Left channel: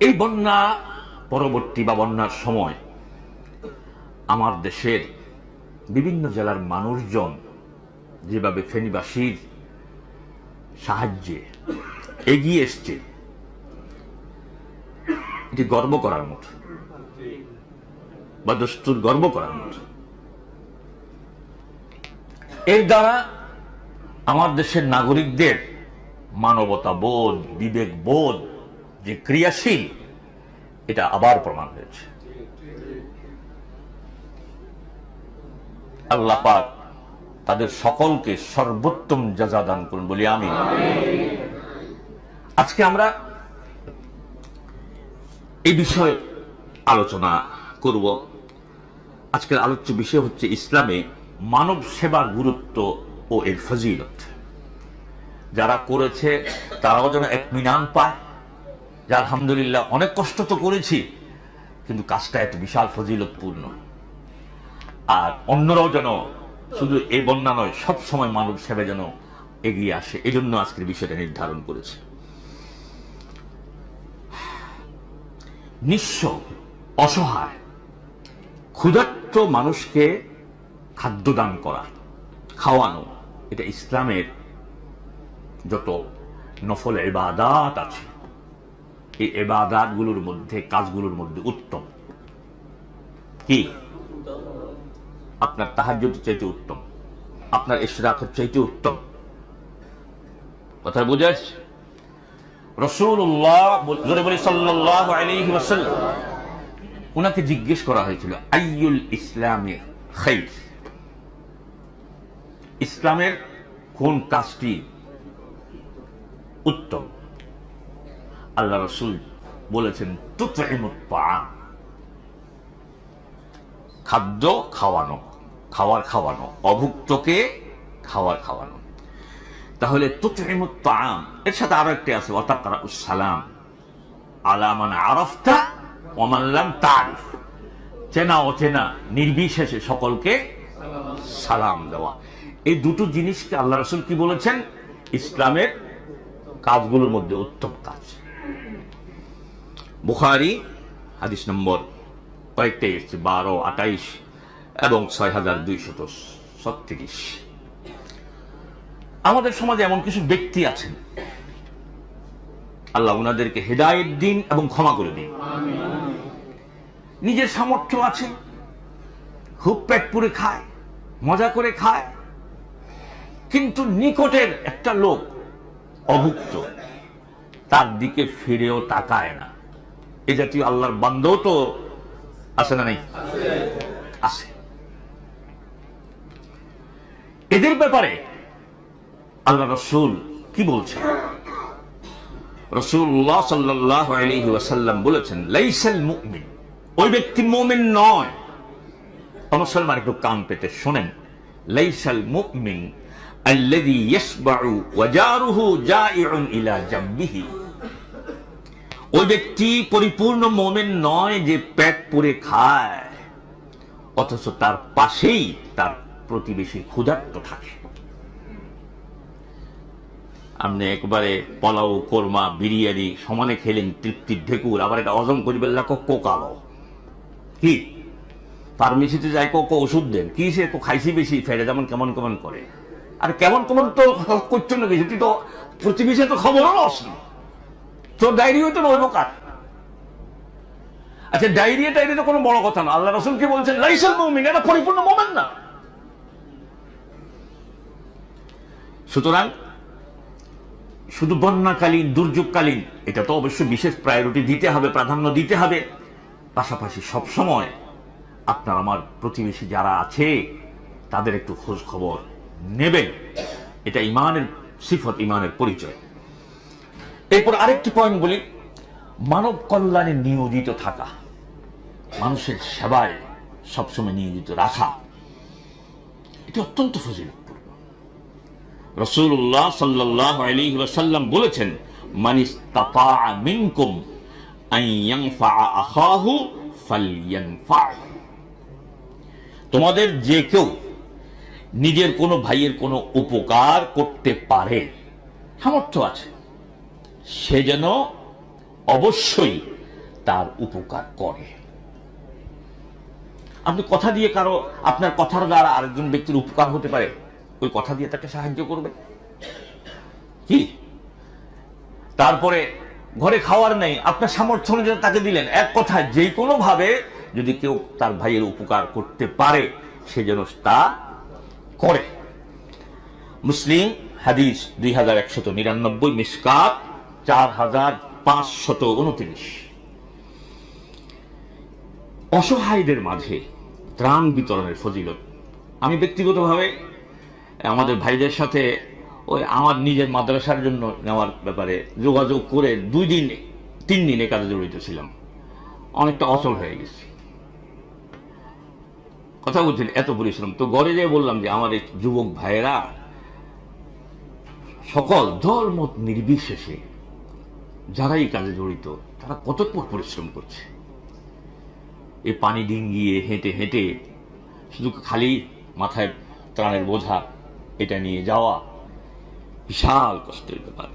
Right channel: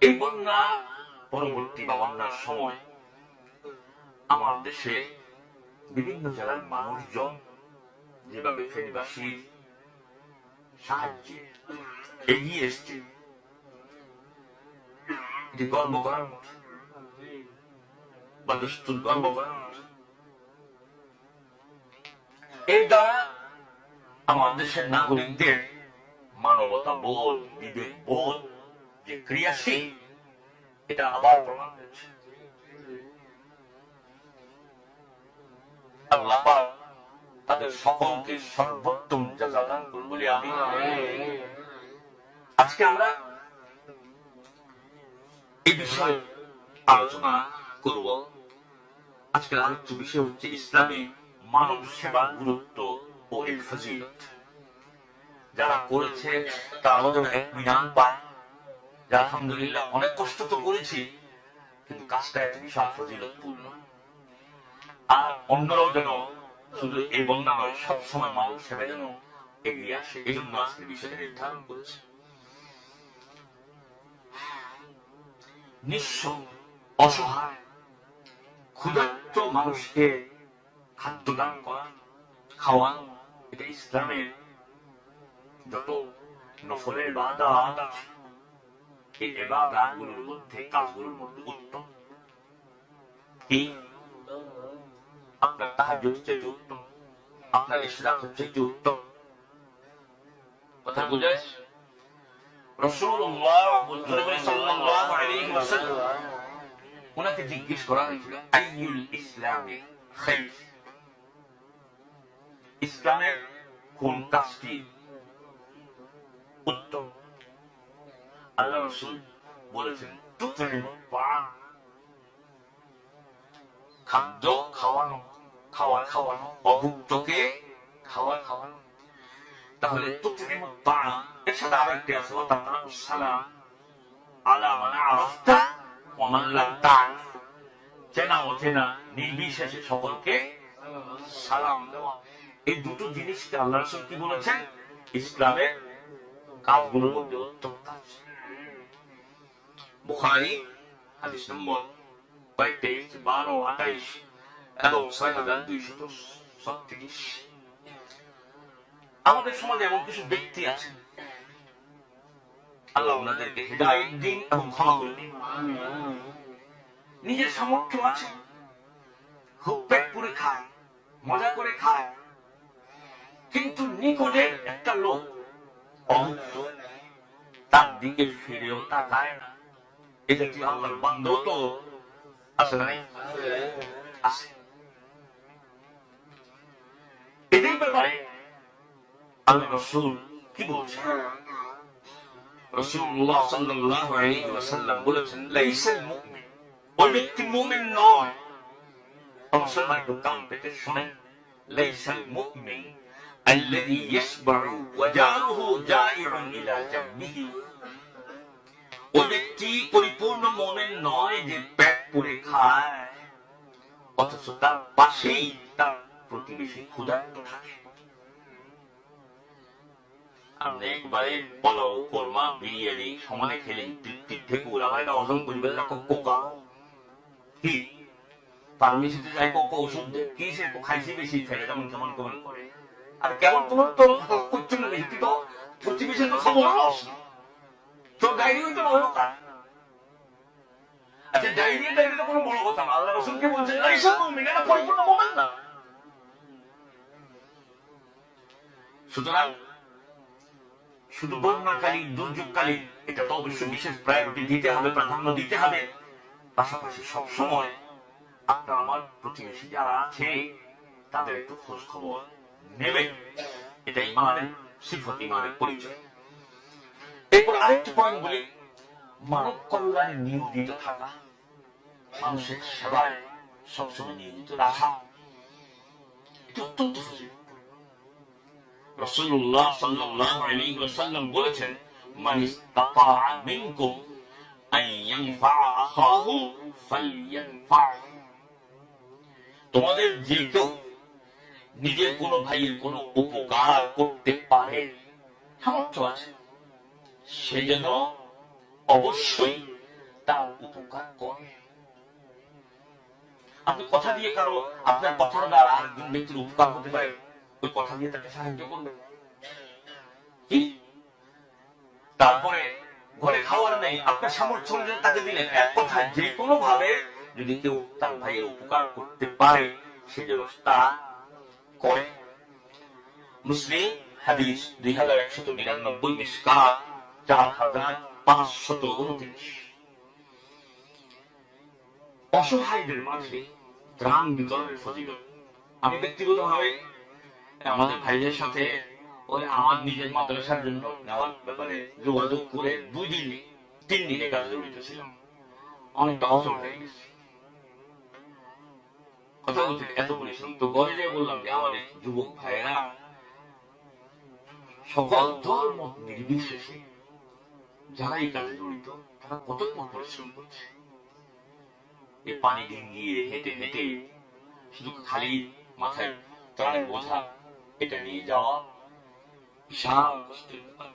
এই বন্যা পরবর্তী বা বন্যার সময় আমার দেশের বিভিন্ন জেলার মানুষজন যেভাবে ফেনীবাসীর সাহায্যে এগিয়ে এসছে, এটি গর্ব করার মতো বা দস্তুর গর্ব করার মতো। এর দ্বারা আমার দেশের নাগরিকদের মানবতা বোধ বিবেক বোধ যে ক্রিয়াশীল, এটা আবার প্রমাণ হয়েছে। আল্লাহ পাক তাদের সকলকে সর্বোত্তম যাজা দান করুন বলি আমি আজকে আমরা এই বিষয়ে আলোচনা করব। আজকের আলোচ্য বিষয় হচ্ছে ইসলামে মানব সেবার গুরুত্ব ও এর ফজিলত। যারা করেছে, তারাও যেন এক মিনান পায় যে আলহামদুলিল্লাহ অনেক কষ্ট তো করেছি, কিন্তু কাজটা এত বিশাল ফজিলতপূর্ণ। আর অন্যরাও যেন শুধু এই বন্যা নয়, সব সময় মানব সেবা যেন এগিয়ে আসে, এজন্য আজকের বিষয়টা নির্ধারণ করেছে। নিঃস্ব, অসহায়, ক্ষুধার্ত মানুষকে খাদ্যদান করা, খাওয়ানো, এটা ইসলামের যত নফল এবাদাত আছে এই এবাদাতগুলোর মধ্যে, কাজগুলোর মধ্যে উত্তম। কি? আপনার তাহাজ্যের চাইতে উত্তম। আপনার ইশরাকের চাইতে উত্তম। কথা বুঝে আসছে? রসুল্লাহ জিজ্ঞেস করা হয়েছিল, আইয়ুল ইসলামের খাইর ইসলামের কোন কাজটি উত্তম? আল্লাহ রসুল বলেছেন খাদ্য খাওয়ানো, খাওয়ার খাওয়ানো, অভুক্তকে খাওয়ার খাওয়ানো। তাহলে তুতইমুত্তাআম এর সাথে আরও একটি আছে ওয়াতাকরা সালাম আলামান আরফতা ওমাল্লাম তারিফ চেনা অচেনা, নির্বিশেষে সকলকে সালাম দেওয়া। এই দুটো জিনিসকে আল্লাহ রসুল কি বলেছেন? ইসলামের কাজগুলোর মধ্যে উত্তম কাজ। বুখারি হাদিস নম্বর কয়েকটাই এসছে বারো আটাইশ এবং ছয় হাজার দুইশত ছত্রিশ। আমাদের সমাজে এমন কিছু ব্যক্তি আছেন। আল্লাহ উনাদেরকে হেদায়েত দিন এবং ক্ষমা করে দিন। নিজের সামর্থ্য আছে খুব পেট পুরে খায় মজা করে খায় কিন্তু নিকটের একটা লোক অভুক্ত তার দিকে ফিরেও তাকায় না। এ জাতীয় আল্লাহর বান্ধব তো আছে না নেই? আছে। এদের ব্যাপারে আল্লাহ রসুল কি বলছেন? রসুল্লাহ সাল্লাহ আলহি বলেছেন, লাইসাল মুমিন। ওই ব্যক্তি মোমেন নয়। মুসলমান একটু কান পেতে শোনেন। লাইসাল মুমিন আল্লাযী ইয়াসবাউ ওয়াজারুহু জাইউন ইলা জাম্বিহি। ওই ব্যক্তি পরিপূর্ণ মোমেন নয় যে পেট পুরে খায়, অথচ তার পাশেই তার প্রতিবেশী ক্ষুধার্ত থাকে। আপনি একবারে পোলাও, কোরমা, বিরিয়ানি সমানে খেলেন, তৃপ্তির ঢেকুর, আবার এটা অজম করিবেন লাগো কোকালো কি? ফার্মেসিতে যাই কোকো ওষুধ দেন, কি সে খাইছি বেশি, ফেরে যেমন কেমন কেমন করে। আর কেমন কেমন তো করছ না গেছে তুই তো প্রতিবেশী তো খবরও রস না। তোর ডায়রিও তো নইব কার? আচ্ছা ডায়রিয়া টাইরিয়া তো কোনো বড় কথা না। আল্লাহ রসুল কি বলছেন? লাইসেল মৌমিন, এটা পরিপূর্ণ মোমেন না। সুতরাং, শুধু বন্যাকালীন, দুর্যোগকালীন, এটা তো অবশ্যই বিশেষ প্রায়োরিটি দিতে হবে, প্রাধান্য দিতে হবে। পাশাপাশি সব সময় আপনার, আমার প্রতিবেশী যারা আছে, তাদের একটু খোঁজ খবর নেবেন। এটা ইমানের, সিফত ইমানের পরিচয়। এরপর আরেকটি পয়েন্ট বলি, মানব কল্যাণে নিয়োজিত থাকা, মানুষের সেবায় সবসময় নিয়োজিত রাখা, এটি অত্যন্ত ফজিলতপূর্ণ। রসুল্লাহ সাল্লাহ আলী ওয়াসাল্লাম বলেছেন মানিস মিনকুম আখাহু তোমাদের যে কেউ নিজের কোনো ভাইয়ের কোনো উপকার করতে পারে, সামর্থ্য আছে। সে যেন অবশ্যই তার উপকার করে। আপনি কথা দিয়ে কারও, আপনার কথার দ্বারা আরেকজন ব্যক্তির উপকার হতে পারে, ওই কথা দিয়ে তাকে সাহায্য করবেন। কি? তারপরে, ঘরে খাওয়ার নেই, আপনার সামর্থ্য অনুযায়ী তাকে দিলেন। এক কথা যে কোনো ভাবে যদি কেউ তার ভাইয়ের উপকার করতে পারে, সে যেন তা করে। মুসলিম হাদিস দুই হাজার একশত নিরানব্বই মিসকাত চার হাজার পাঁচশত অসহায়দের মাঝে ত্রাণ বিতরণের ফজিলত। আমি ব্যক্তিগতভাবে আমাদের ভাইদের সাথে ওই আমার নিজের মাদ্রাসার জন্য নেওয়ার ব্যাপারে যোগাযোগ করে দুই দিন, তিন দিনে কাজে জড়িত ছিলাম। অনেকটা অচল হয়ে গেছি। কথা বলছেন, এত পরিশ্রম। তো গড়ে যে বললাম যে, আমার এই যুবক ভাইয়েরা সকল দল মত নির্বিশেষে যারা এই কাজে জড়িত, তারা কত পরিশ্রম করছে? এই পানি ডিঙ্গিয়ে হেঁটে হেঁটে শুধু খালি মাথায় ত্রাণের বোঝা, এটা নিয়ে যাওয়া, বিশাল কষ্টের ব্যাপার।